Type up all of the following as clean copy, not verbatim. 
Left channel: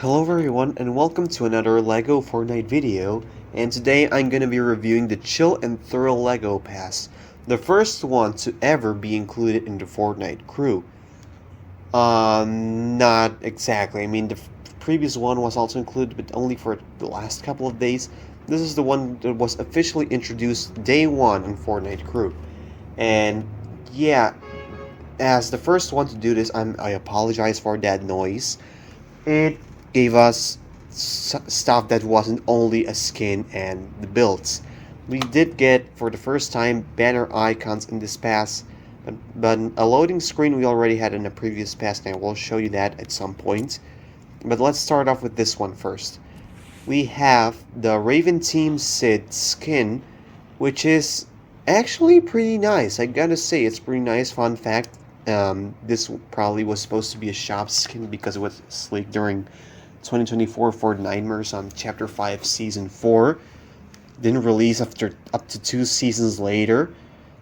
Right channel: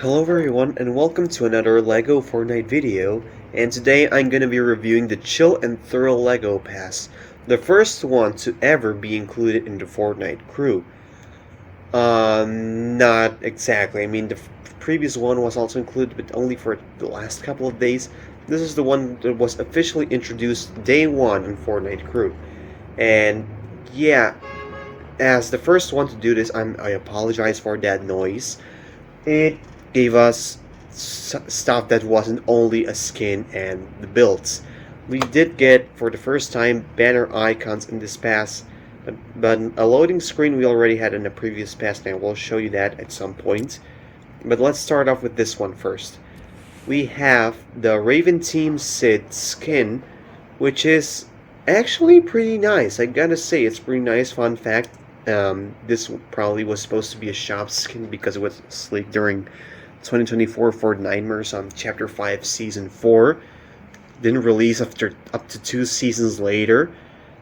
Hello everyone and welcome to another LEGO Fortnite video, and today I'm going to be reviewing the Chill and Thrill LEGO Pass, the first one to ever be included in the Fortnite crew. Not exactly. I mean, the previous one was also included, but only for the last couple of days. This is the one that was officially introduced day one in Fortnite crew. And yeah, as the first one to do this, I apologize for that noise. It gave us stuff that wasn't only a skin and the builds. We did get, for the first time, banner icons in this pass, but a loading screen we already had in a previous pass, and I will show you that at some point. But let's start off with this one first. We have the Raven Team Sid skin, which is actually pretty nice. I gotta say, it's pretty nice. Fun fact, this probably was supposed to be a shop skin because it was leaked during 2024 Fortnite on Chapter 5 Season 4. Didn't release after up to 2 seasons later.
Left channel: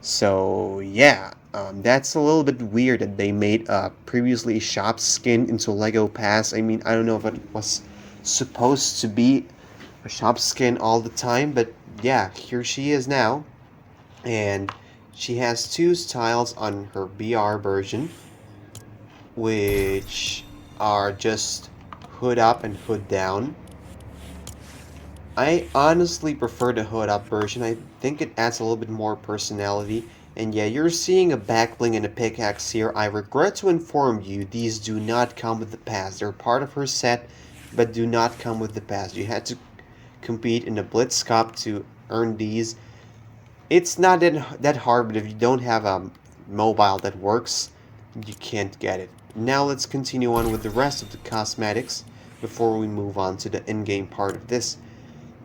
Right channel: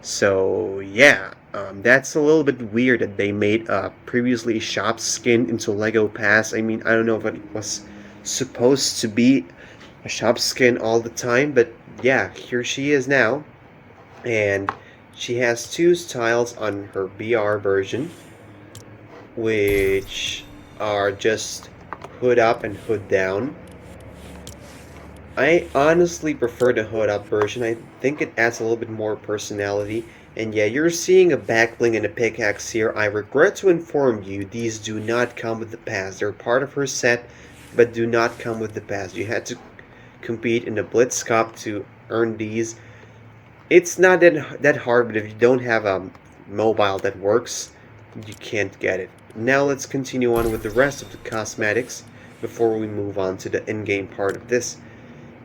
So yeah, that's a little bit weird that they made a previously shop skin into Lego Pass. I mean, I don't know if it was supposed to be a shop skin all the time, but yeah, here she is now. And she has two styles on her BR version, which are just hood up and hood down. I honestly prefer the hood up version. I think it adds a little bit more personality. And yeah, you're seeing a backbling and a pickaxe here. I regret to inform you, these do not come with the pass. They're part of her set, but do not come with the pass. You had to compete in the Blitz Cup to earn these. It's not that hard, but if you don't have a mobile that works, you can't get it. Now let's continue on with the rest of the cosmetics before we move on to the in-game part of this.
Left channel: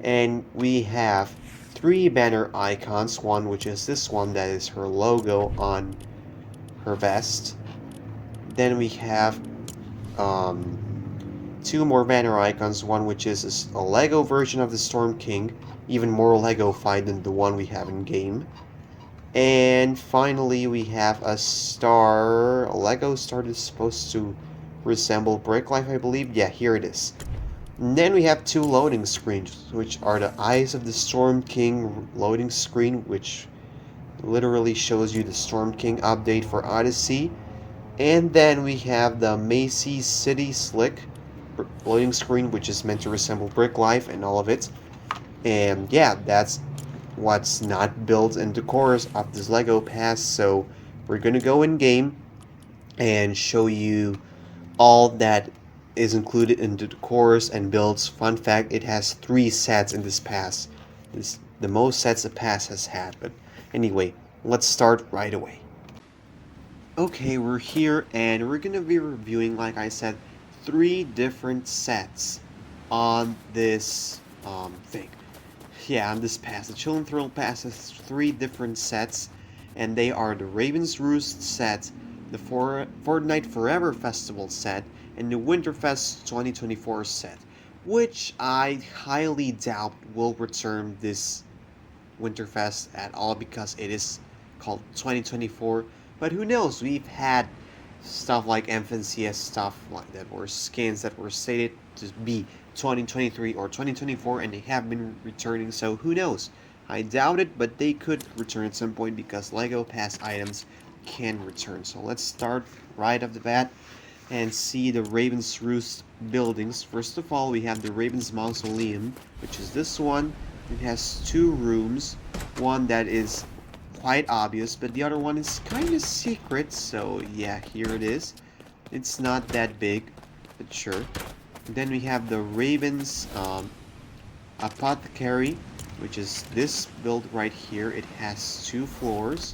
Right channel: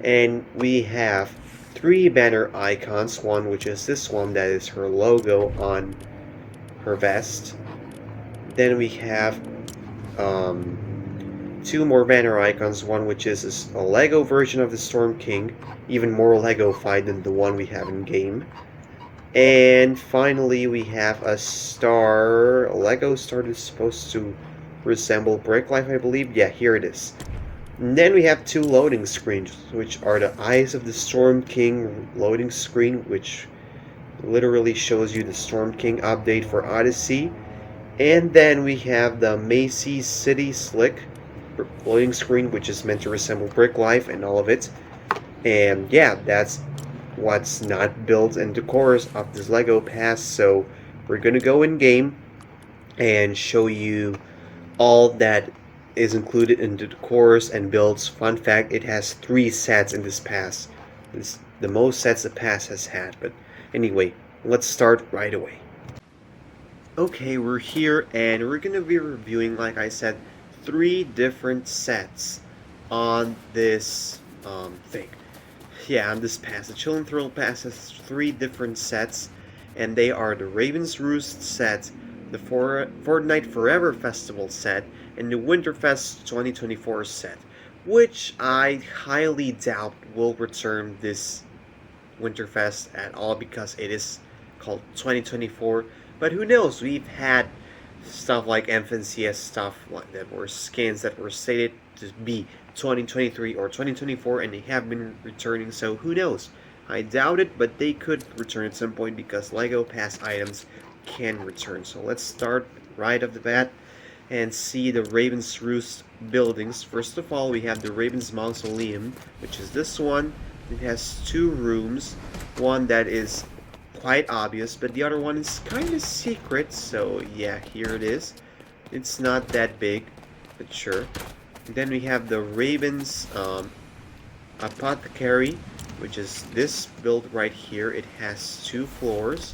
And we have three banner icons, one which is this one that is her logo on her vest. Then we have two more banner icons, one which is a Lego version of the Storm King, even more Lego-fied than the one we have in game. And finally we have a star, a Lego star that's supposed to resemble Brick Life, I believe. Yeah, here it is. And then we have two loading screens, which are the Eyes of the Storm King loading screen, which literally shows you the Storm King update for Odyssey. And then we have the Macy's City Slick loading screen, which is meant to resemble Brick Life and all of it. And yeah, that's what's not built into cores of this Lego Pass. So we're gonna go in game and show you all that is included into the cores and builds. Fun fact, it has 3 sets in this pass. It's the most sets the pass has had. But anyway, let's start right away. Okay, we're here and we're gonna be reviewing, like I said, 3 different sets on this thing. Yeah, on this pass. The Chill and Thrill Pass has 3 different sets, and they are the Raven's Roost set, the Fortnite Forever Festival set, and the Winterfest 2024 set, which I highly doubt will return this Winterfest at all because it is called 2024. But who knows? We've had stuff like MFNCS stuff like that were skins that were stated to be 2023 or 2024 and they have been returning, so who knows? I doubt it, but they could return at some point because Lego Pass items can return. So let's start right off the bat and see the Raven's Roost buildings. First of all, we have the Raven's Mausoleum, which is this one. It has 2 rooms, one that is quite obvious, but the other one is kind of secret, so yeah, here it is. It's not that big, but sure. And then we have the Raven's Apothecary, which is this build right here. It has 2 floors,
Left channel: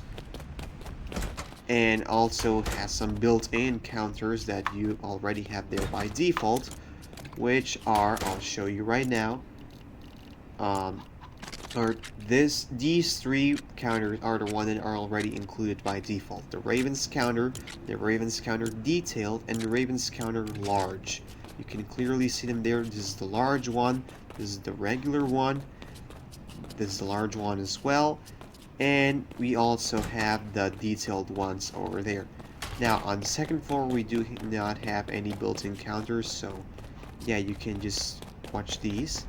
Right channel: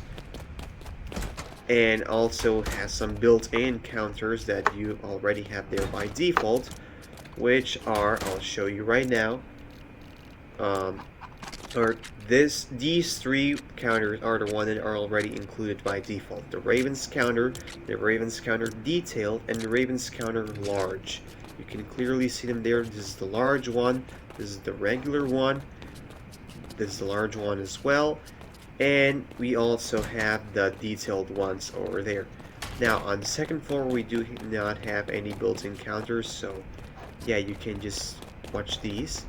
and also has some built-in counters that you already have there by default, which are, I'll show you right now. Or these 3 counters are the one that are already included by default. The Raven's counter, the Raven's counter detailed, and the Raven's counter large. You can clearly see them there. This is the large one, this is the regular one, this is the large one as well, and we also have the detailed ones over there. Now on the second floor we do not have any built-in counters, so yeah, you can just watch these.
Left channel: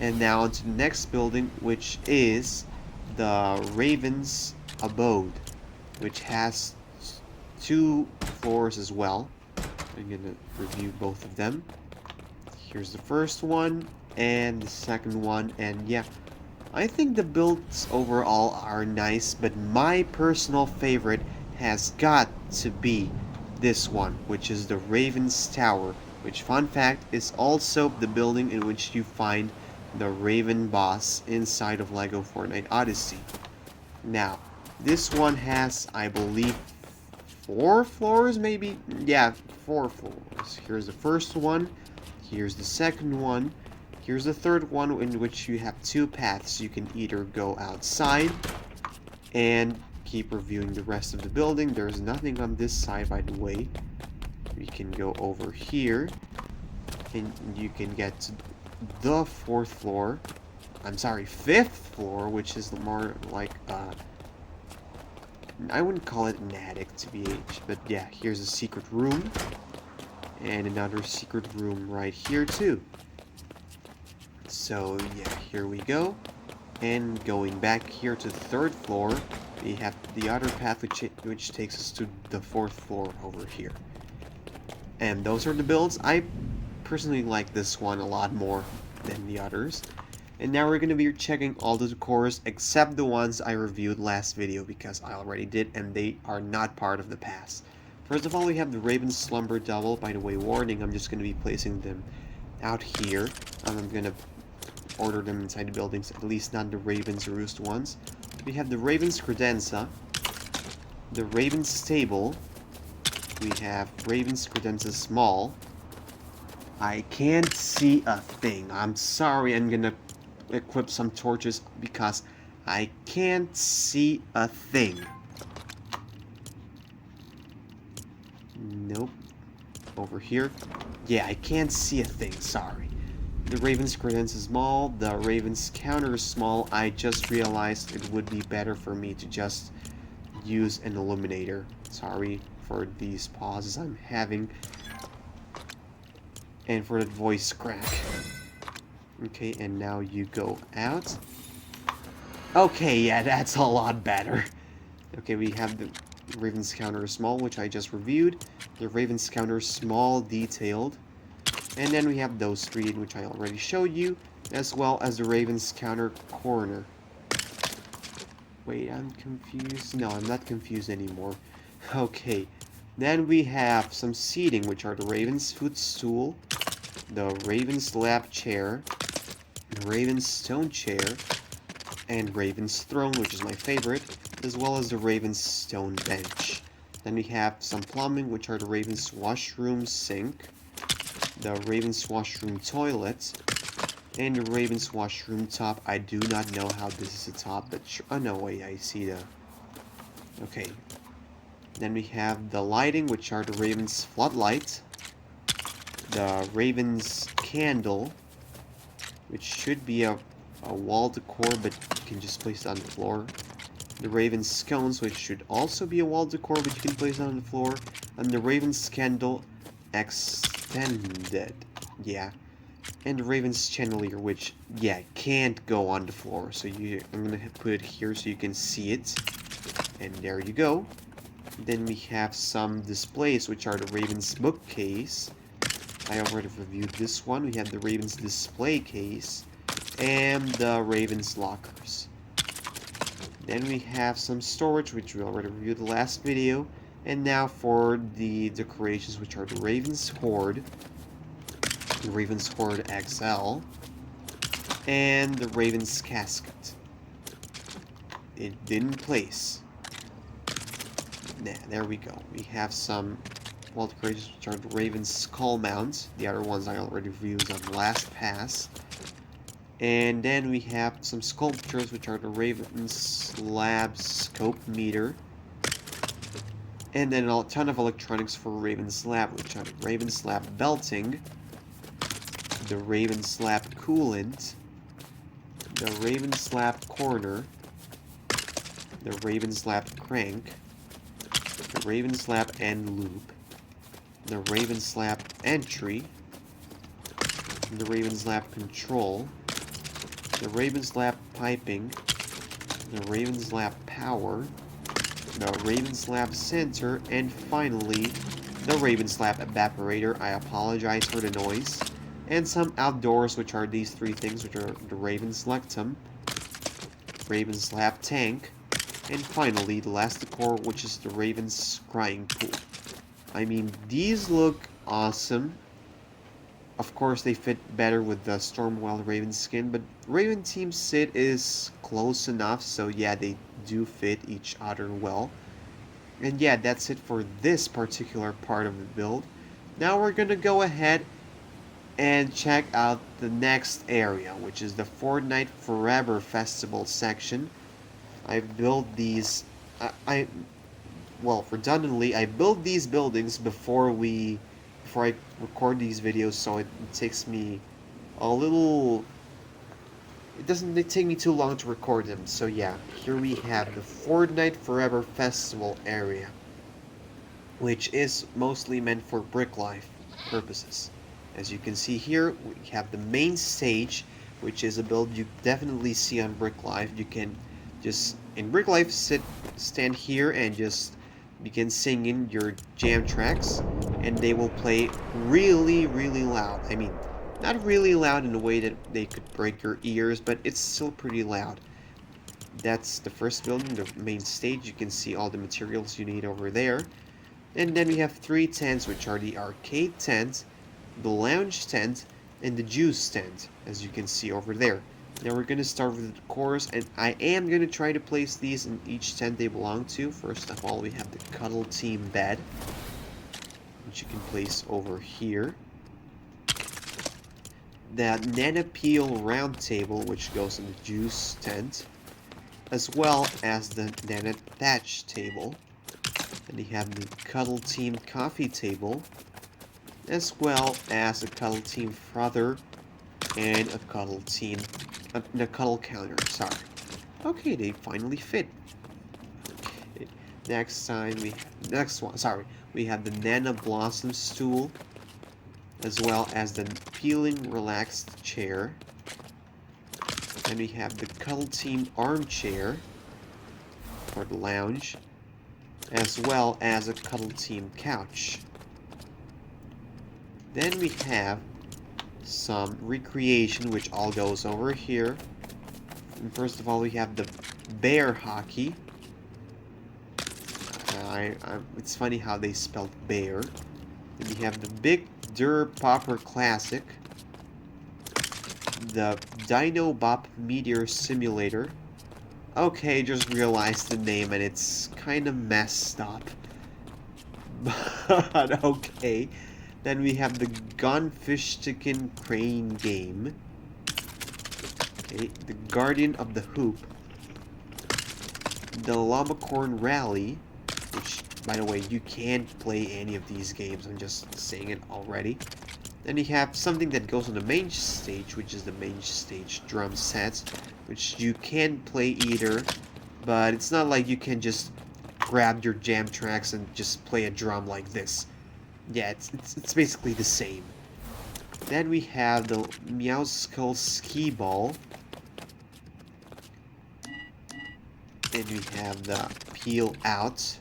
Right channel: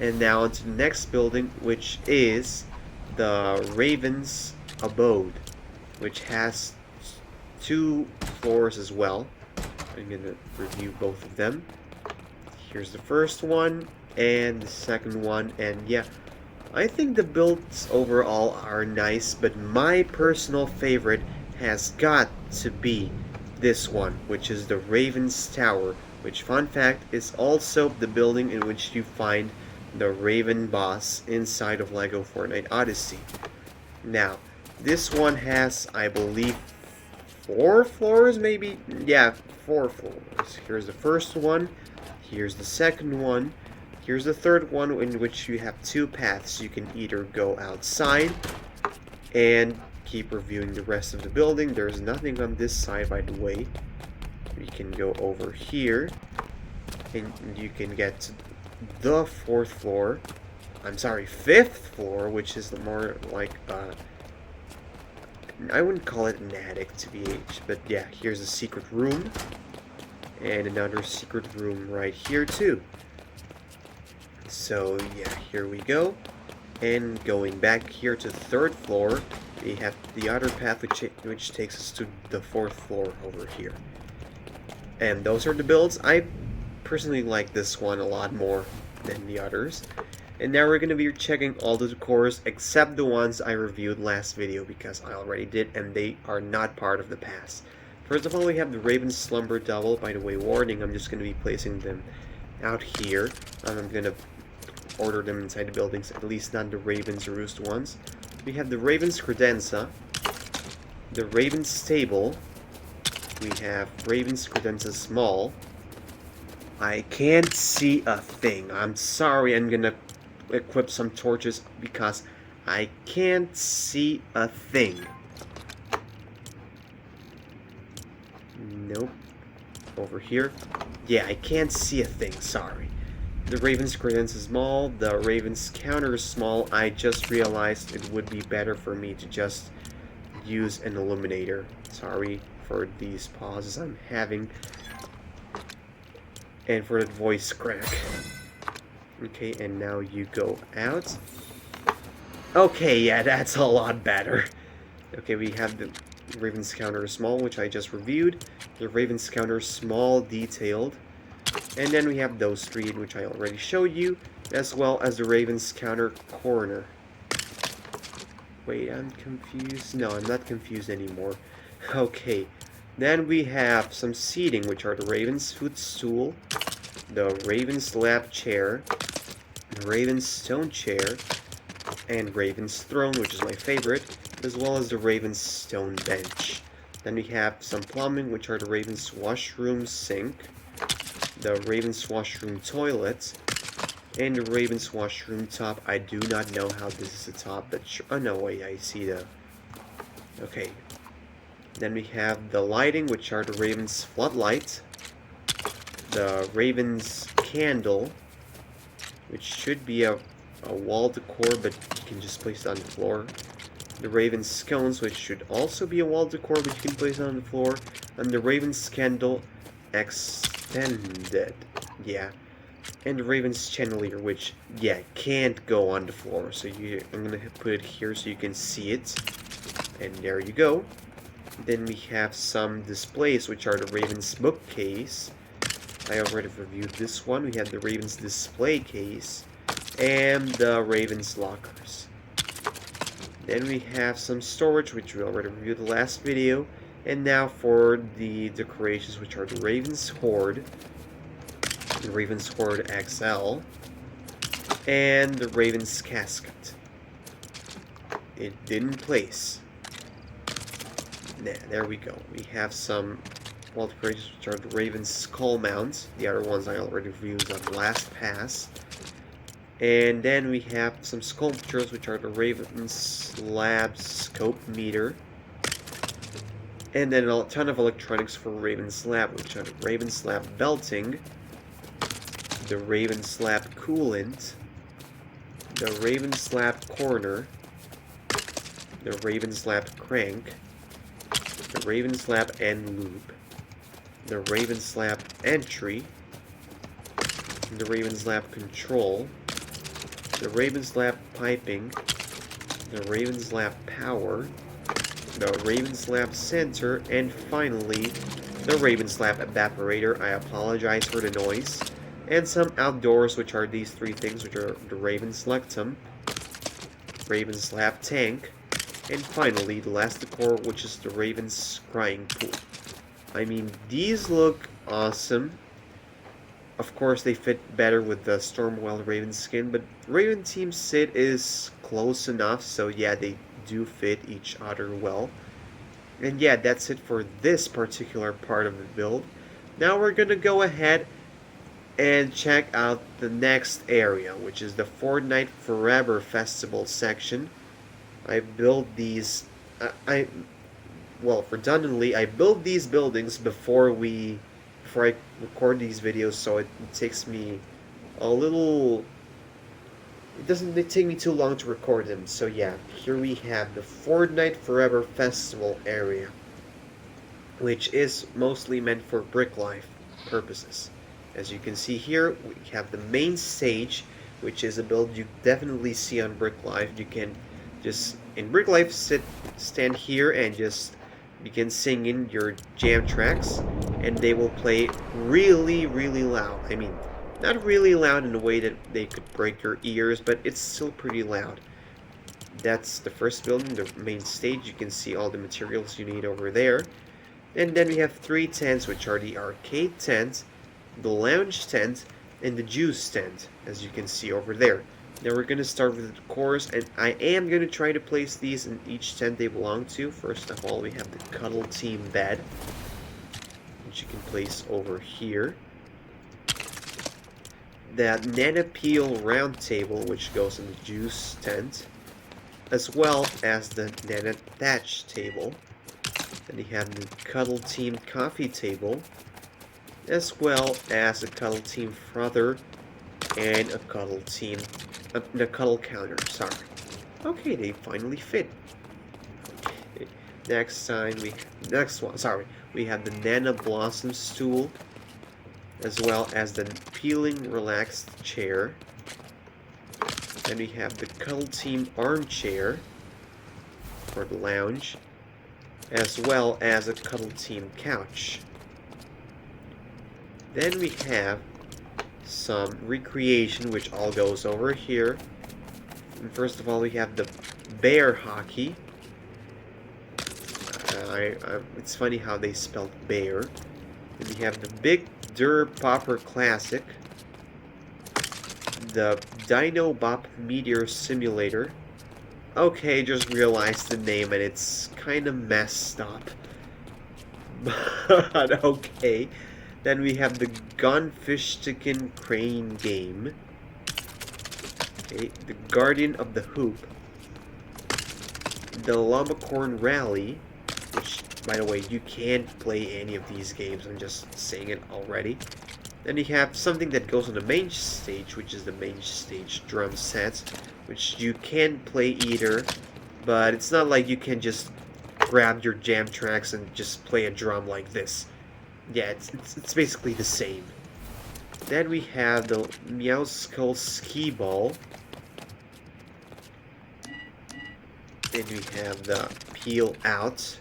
And now onto the next building, which is the Raven's Abode, which has 2 floors as well. I'm gonna review both of them. Here's the first one and the second one, and yeah, I think the builds overall are nice, but my personal favorite has got to be this one, which is the Raven's Tower, which, fun fact, is also the building in which you find the Raven boss inside of LEGO Fortnite Odyssey. Now, this one has, I believe, 4 floors, maybe? Yeah, 4 floors. Here's the first one, here's the second one, here's the third one, in which you have 2 paths. You can either go outside and keep reviewing the rest of the building. There's nothing on this side, by the way. We can go over here, and you can get to the 4th floor. I'm sorry, 5th floor, which is more like, I wouldn't call it an attic, to be H, but yeah, here's a secret room, and another secret room right here, too. So, yeah, here we go. And going back here to the 3rd floor, we have the other path which takes us to the 4th floor over here. And those are the builds. I personally like this one a lot more than the others. And now we're going to be checking all the decors except the ones I reviewed last video, because I already did and they are not part of the past. First of all, we have the Raven's Slumber Double. By the way, warning, I'm just going to be placing them out here. And I'm going to order them inside the buildings, at least not the Raven's Roost ones. We have the Raven's Credenza, the Raven's Stable, we have Raven's Credenza Small. I can't see a thing. I'm sorry, I'm gonna equip some torches because I can't see a thing. Nope. Over here. Yeah, I can't see a thing, sorry. The Raven's Credenza Small, the Raven's Counter Small. I just realized it would be better for me to just use an illuminator. Sorry for these pauses I'm having. And for the voice crack. Okay, and now you go out. Okay, yeah, that's a lot better. Okay, we have the Raven's Counter Small, which I just reviewed. The Raven's Counter Small Detailed. And then we have those 3, which I already showed you, as well as the Raven's Counter Corner. Wait, I'm confused. No, I'm not confused anymore. Okay, then we have some seating, which are the Raven's Footstool, the Raven's Lap Chair, the Raven's Stone Chair, and Raven's Throne, which is my favorite, as well as the Raven's Stone Bench. Then we have some plumbing, which are the Raven's Washroom Sink, the Raven's Washroom Toilet, and the Raven's Washroom Top. I do not know how this is a top, but sure. Oh no, wait, I see the... Okay. Then we have the lighting, which are the Raven's Floodlight, the Raven's Candle, which should be a wall decor, but you can just place it on the floor. The Raven's Scones, which should also be a wall decor, but you can place it on the floor. And the Raven's Candle Extended. Yeah. And the Raven's Chandelier, which, yeah, can't go on the floor. So I'm going to put it here so you can see it. And there you go. Then we have some displays, which are the Raven's Bookcase. I already reviewed this one. We have the Raven's Display Case. And the Raven's Lockers. Then we have some storage, which we already reviewed the last video. And now for the decorations, which are the Raven's Hoard, the Raven's Hoard XL, and the Raven's Casket. It didn't place. Nah, there we go. We have some wall decorations, which are the Raven's Skull Mounts. The other ones I already reviewed on the last pass. And then we have some sculptures, which are the Raven's Lab Scope Meter. And then a ton of electronics for Raven's Lab, which are the Raven's Lab Belting, the Raven's Lab Coolant, the Raven's Lab Corner, the Raven's Lab Crank, the Raven's Lab End Loop, the Raven's Lab Entry, the Raven's Lab control, the Raven's Lab piping, the Raven's Lab power, the Raven's Lab center, and finally the Raven's Lab evaporator. I apologize for the noise. And some outdoors, which are these three things, which are the Raven's Lectum, Raven's Lab tank, and finally the last decor, which is the Raven's Scrying pool. I mean, these look awesome. Of course, they fit better with the Stormwild Raven skin, but Raven Team Sid is close enough, so yeah, they do fit each other well. And yeah, that's it for this particular part of the build. Now we're gonna go ahead and check out the next area, which is the Fortnite Forever Festival section. I built these, well, redundantly, I build these buildings before I record these videos, so it takes me a little, it doesn't take me too long to record them. So yeah, here we have the Fortnite Forever Festival area, which is mostly meant for Brick Life purposes. As you can see here, we have the main stage, which is a build you definitely see on Brick Life. You can just, in Brick Life, stand here and just begin singing your jam tracks, and they will play really, really loud. I mean, not really loud in a way that they could break your ears, but it's still pretty loud. That's the first building, the main stage. You can see all the materials you need over there. And then we have three tents, which are the arcade tent, the lounge tent, and the juice tent, as you can see over there. Now we're going to start with the decors, and I am going to try to place these in each tent they belong to. First of all, we have the Cuddle Team bed, which you can place over here. The Nana Peel round table, which goes in the juice tent, as well as the Nana Thatch table. Then you have the Cuddle Team coffee table, as well as a Cuddle Team frother and a Cuddle Team, the Cuddle counter, sorry. Okay, they finally fit. Okay, next one, we have the Nana Blossom stool, as well as the Peeling Relaxed chair. Then we have the Cuddle Team armchair for the lounge, as well as a Cuddle Team couch. Then we have some recreation, which all goes over here. And first of all, we have the bear hockey. It's funny how they spelled bear. And we have the Big Dur Popper Classic, the Dino Bop Meteor Simulator. Okay, just realized the name and it's kind of messed up. But okay. Then we have the Gunfish Chicken Crane game. Okay, the Guardian of the Hoop. The Llamacorn Rally, which, by the way, you can't play any of these games. I'm just saying it already. Then you have something that goes on the main stage, which is the main stage drum sets, which you can play either, but it's not like you can just grab your jam tracks and just play a drum like this. Yeah, it's basically the same. Then we have the Meow Skull Ski Ball. Then we have the Peel Out.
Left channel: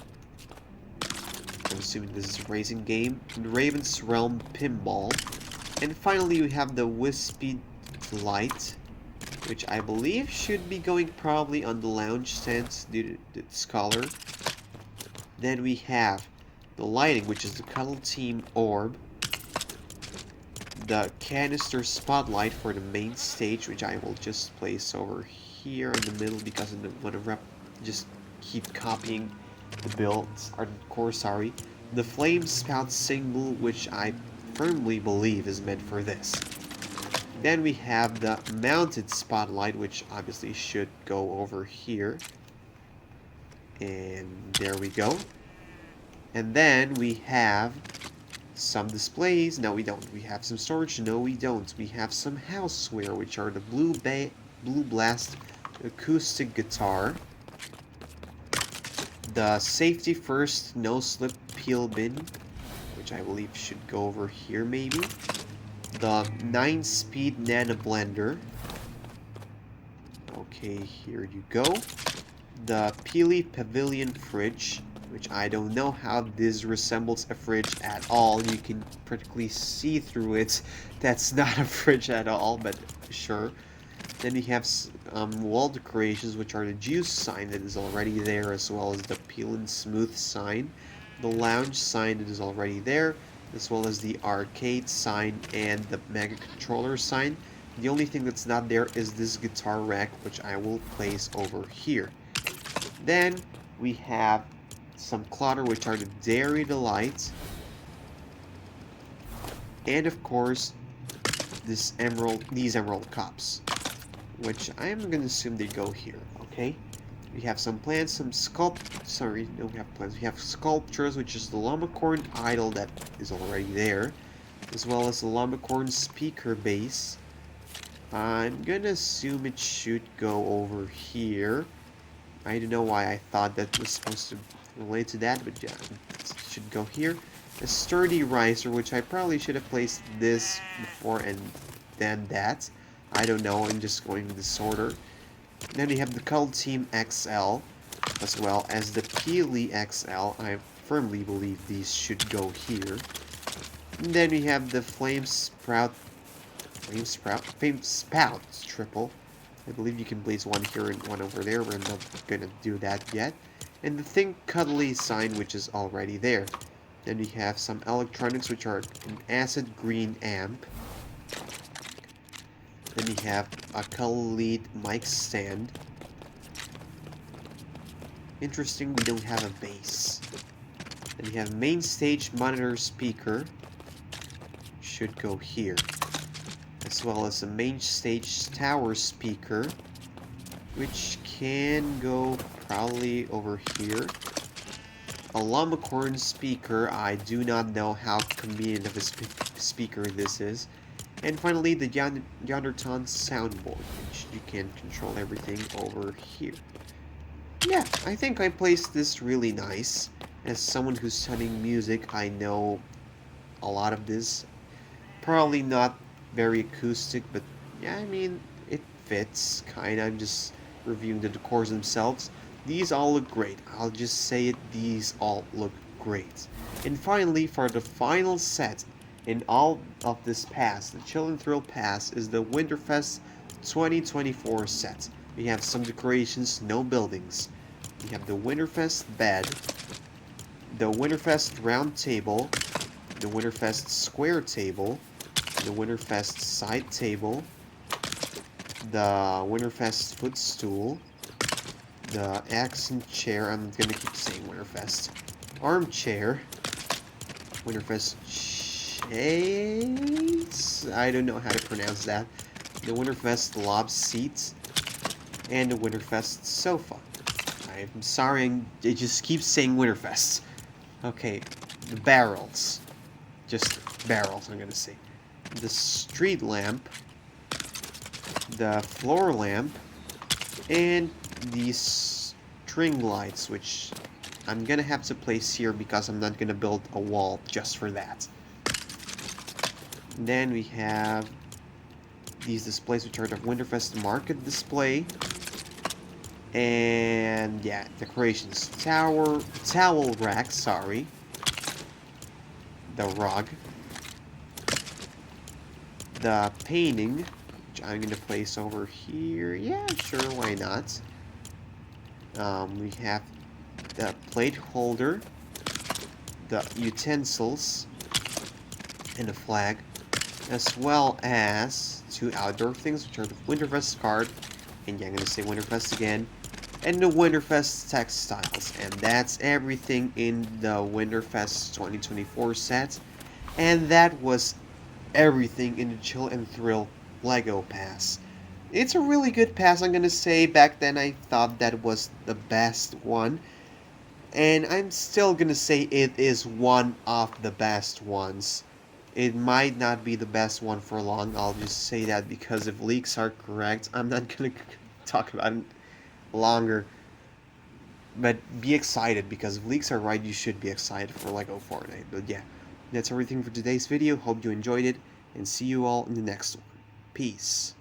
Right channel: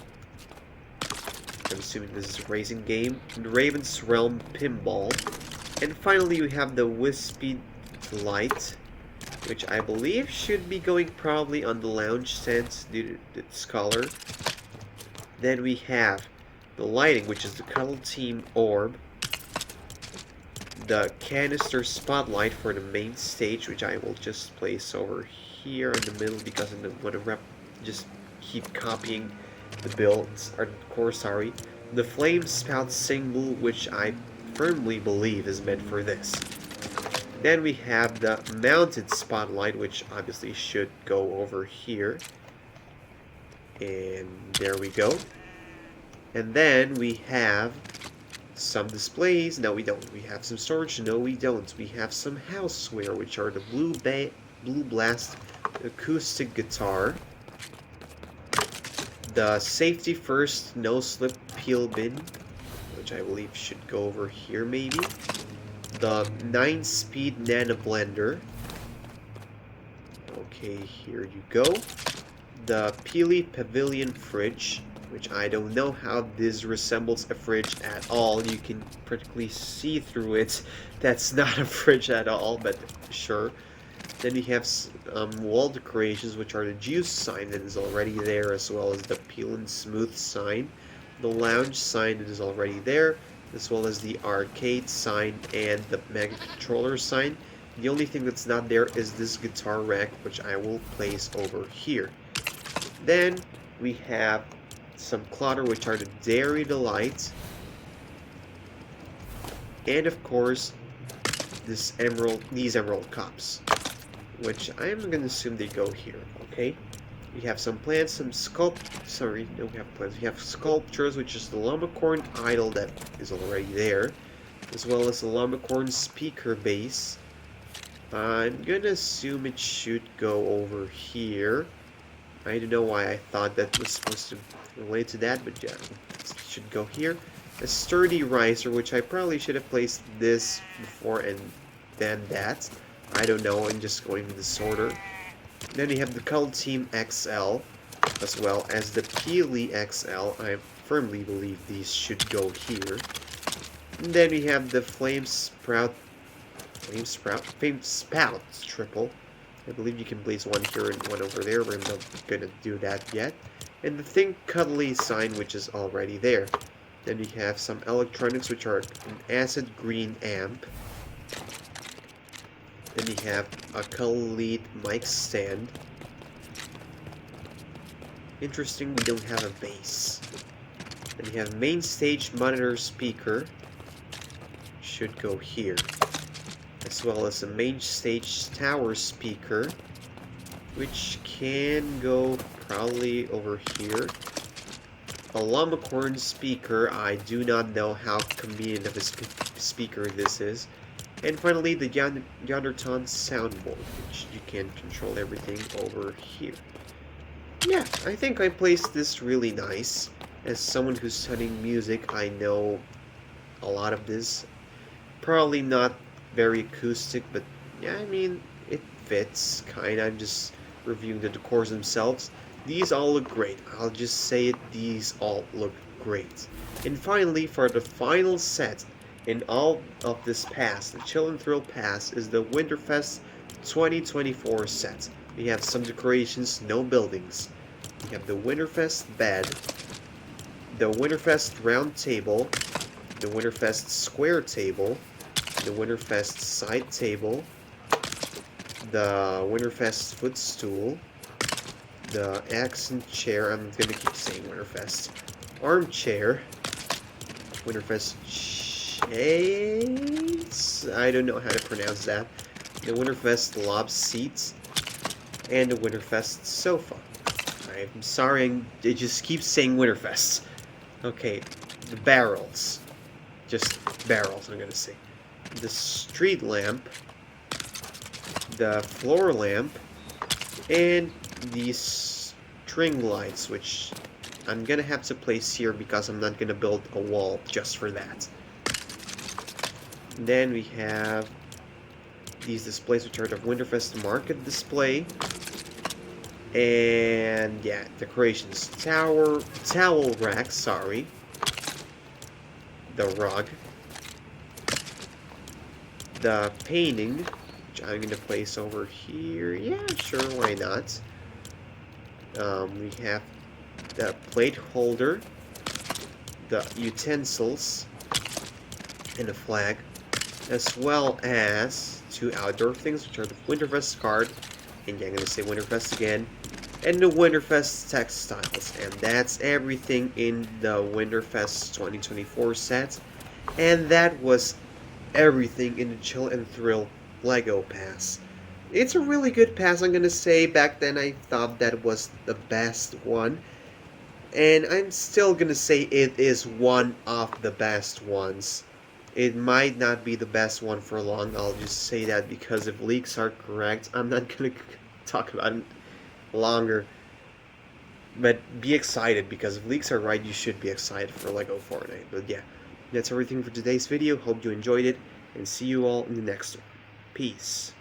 I'm assuming this is a racing game. The Raven's Realm Pinball. And finally we have the Wispy Light, which I believe should be going probably on the lounge tent due to its color. Then we have the lighting, which is the Cuddle Team orb, the canister spotlight for the main stage, which I will just place over here in the middle because I don't want to just keep copying the builds, or core, sorry. The flame spout symbol, which I firmly believe is meant for this. Then we have the mounted spotlight, which obviously should go over here. And there we go. And then we have some displays. No, we don't. We have some storage. No, we don't. We have some houseware, which are the Blue Blast acoustic guitar, the Safety First no slip peel bin, which I believe should go over here maybe, the 9-speed Nano Blender. Okay, here you go. The Peely Pavilion Fridge, which I don't know how this resembles a fridge at all. You can practically see through it. That's not a fridge at all, but sure. Then you have wall decorations, which are the juice sign that is already there, as well as the peel and smooth sign, the lounge sign that is already there, as well as the arcade sign and the mega controller sign. The only thing that's not there is this guitar rack, which I will place over here. Then we have some clutter, which are the Dairy Delight, and of course these emerald cups, which I am gonna assume they go here. Okay, we have some plants, some sorry, no, we have plants. We have sculptures, which is the Lumacorn idol that is already there, as well as the Lumacorn speaker base. I'm gonna assume it should go over here. I don't know why I thought that was supposed to relate to that, but yeah, it should go here. A sturdy riser, which I probably should have placed this before and then that. I don't know, I'm just going in this order. Then you have the Cuddle Team XL, as well as the Peely XL. I firmly believe these should go here. And then we have the Flame Spout triple. I believe you can place one here and one over there, but I'm not gonna do that yet. And the Think Cuddly sign, which is already there. Then we have some electronics, which are an acid green amp. Then we have a Collead mic stand. Interesting, we don't have a bass. Then we have main stage monitor speaker. Should go here. As well as a main stage tower speaker, which can go probably over here. A Lumacorn speaker, I do not know how convenient of a speaker this is. And finally, the Yonderton soundboard, which you can control everything over here. Yeah, I think I placed this really nice. As someone who's studying music, I know a lot of this. Probably not very acoustic, but yeah, I mean, it fits, kinda. I'm just reviewing the decors themselves. These all look great. I'll just say it, these all look great. And finally, for the final set in all of this pass, the Chill and Thrill Pass, is the Winterfest 2024 set. We have some decorations, no buildings. We have the Winterfest bed, the Winterfest round table, the Winterfest square table, the Winterfest side table, the Winterfest footstool, the accent chair, I'm gonna keep saying Winterfest, armchair, Winterfest chase, I don't know how to pronounce that, the Winterfest lob seats, and the Winterfest sofa. I'm sorry, I just keep saying Winterfest. Okay, the barrels. Just barrels, I'm gonna say. The street lamp, the floor lamp, and these string lights, which I'm gonna have to place here because I'm not gonna build a wall just for that. And then we have these displays, which are the Winterfest market display. And yeah, decorations. Towel rack, sorry. The rug. The painting, which I'm going to place over here. Yeah, sure, why not? We have the plate holder, the utensils, and the flag, as well as two outdoor things, which are the Winterfest card, and yeah, I'm going to say Winterfest again, and the Winterfest textiles. And that's everything in the Winterfest 2024 set. And that was everything in the Chill and Thrill Lego Pass. It's a really good pass, I'm gonna say. Back then I thought that was the best one. And I'm still gonna say it is one of the best ones. It might not be the best one for long, I'll just say that because if leaks are correct, I'm not gonna talk about it longer. But be excited, because if leaks are right, you should be excited for Lego Fortnite. But yeah, that's everything for today's video. Hope you enjoyed it. and see you all in the next one. Peace.